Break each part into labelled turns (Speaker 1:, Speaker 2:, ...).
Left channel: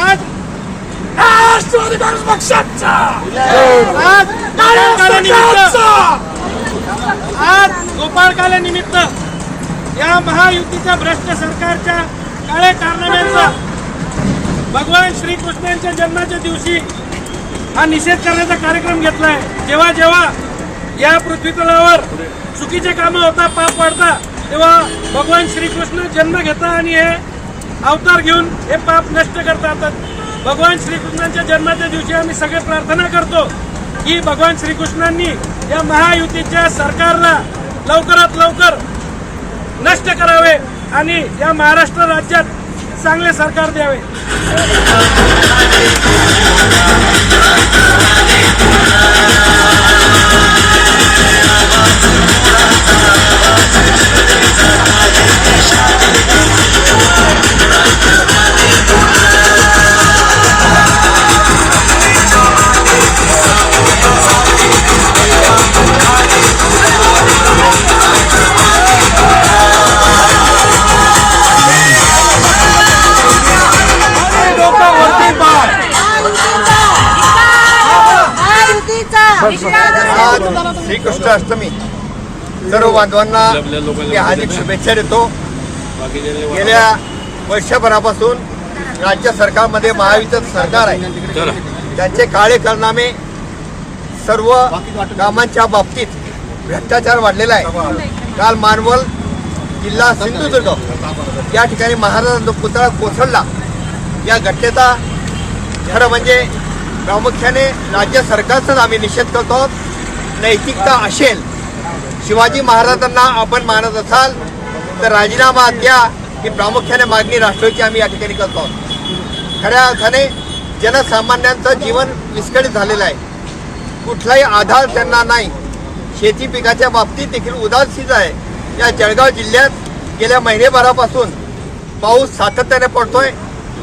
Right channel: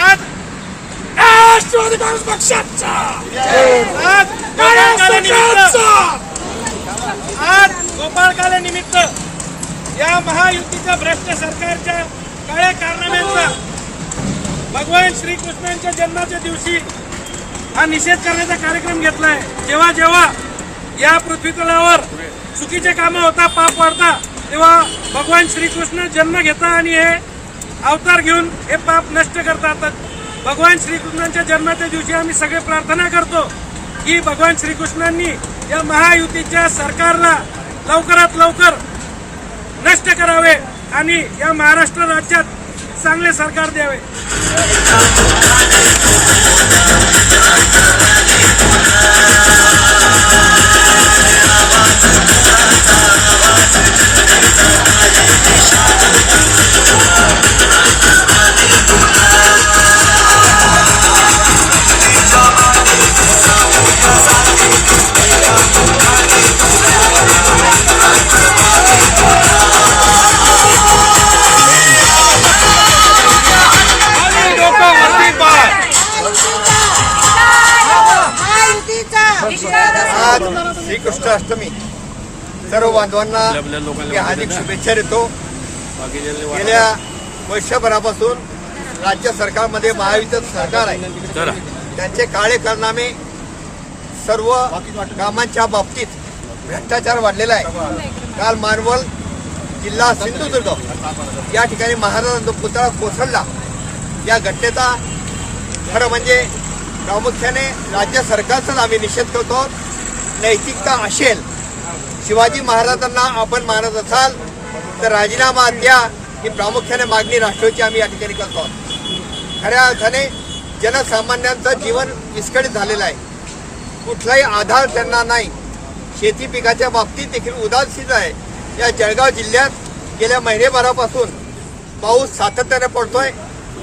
Speaker 1: आज राष्ट्रवादी काँग्रेस पक्षाचा
Speaker 2: आज गोपाळ काले निमित्त या महायुतीचा भ्रष्ट सरकारच्या काळ्या कारनाम्यांचा भगवान श्रीकृष्णांच्या जन्माच्या दिवशी हा निषेध करण्याचा कार्यक्रम घेतलाय. जेव्हा जेव्हा या पृथ्वीतलावर चुकीचे कामं होता पाप वाढता तेव्हा भगवान श्रीकृष्ण जन्म घेता आणि हे अवतार घेऊन हे पाप नष्ट करतात. भगवान श्रीकृष्णांच्या जन्माच्या दिवशी आम्ही सगळे प्रार्थना करतो की भगवान श्रीकृष्णांनी या महायुतीच्या सरकारला लवकरात लवकर नष्ट करावे आणि या महाराष्ट्र राज्यात चांगले सरकार द्यावे.
Speaker 3: आज श्रीकृष्ण अष्टमी सर्व बांधवांना मी हार्दिक शुभेच्छा देतो. गेल्या वर्षभरापासून राज्य सरकारमध्ये महायुतीचं सरकार आहे. त्यांचे काळे कारनामे सर्व कामांच्या बाबतीत भ्रष्टाचार वाढलेला आहे. काल मानवल जिल्हा सिंधुदुर्ग या ठिकाणी महाराजांचा पुतळा कोसळला. या घटनेचा खरं म्हणजे प्रामुख्याने राज्य सरकारचाच आम्ही निषेध करतो. नैतिकता असेल शिवाजी महाराजांना आपण मानत असाल तर राजीनामा द्या ही प्रामुख्याने मागणी राष्ट्रवादीची आम्ही या ठिकाणी करतो. खऱ्या अर्थाने जनसामान्यांचं जीवन विस्कळीत झालेलं आहे. कुठलाही आधार त्यांना नाही. शेती पिकाच्या बाबतीत देखील उदासीन आहे. या जळगाव जिल्ह्यात गेल्या महिनेभरापासून पाऊस सातत्याने पडतोय.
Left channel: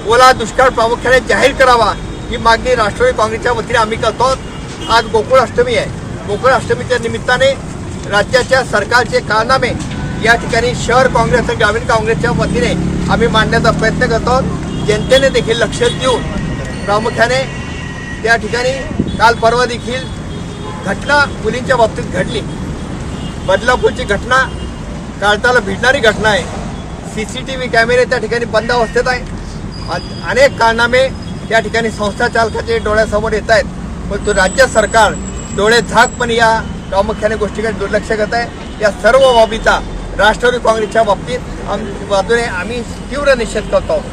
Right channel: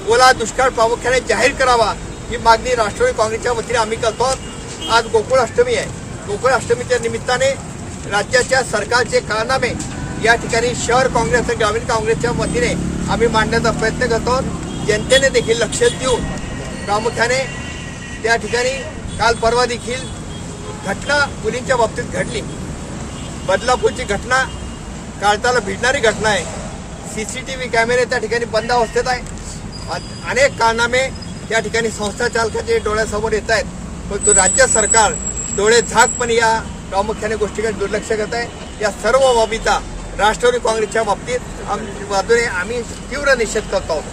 Speaker 3: ओला दुष्काळ प्रामुख्याने जाहीर करावा. ही मागणी राष्ट्रवादी काँग्रेसच्या वतीने आम्ही करतो. आज गोकुळ अष्टमी आहे. गोकुळ अष्टमीच्या निमित्ताने राज्याच्या सरकारचे कारनामे या ठिकाणी शहर काँग्रेस आणि ग्रामीण काँग्रेसच्या वतीने आम्ही मांडण्याचा प्रयत्न करतो. जनतेने देखील लक्ष देऊन प्रामुख्याने त्या ठिकाणी काल परवा देखील घटना मुलींच्या बाबतीत घडली. बदलापूरची घटना काळताला भिडणारी घटना आहे. सी सी टी व्ही कॅमेरे त्या ठिकाणी बंद अवस्थेत आहे. अनेक कारनामे त्या ठिकाणी संस्था चालकाचे डोळ्यासमोर येत आहेत. परंतु राज्य सरकार डोळे झाकपणे या प्रामुख्याने गोष्टीकडे दुर्लक्ष करत आहे. या सर्व बाबीचा राष्ट्रवादी काँग्रेसच्या बाबतीत आम- बाजूने आम्ही तीव्र निषेध करतो आहोत.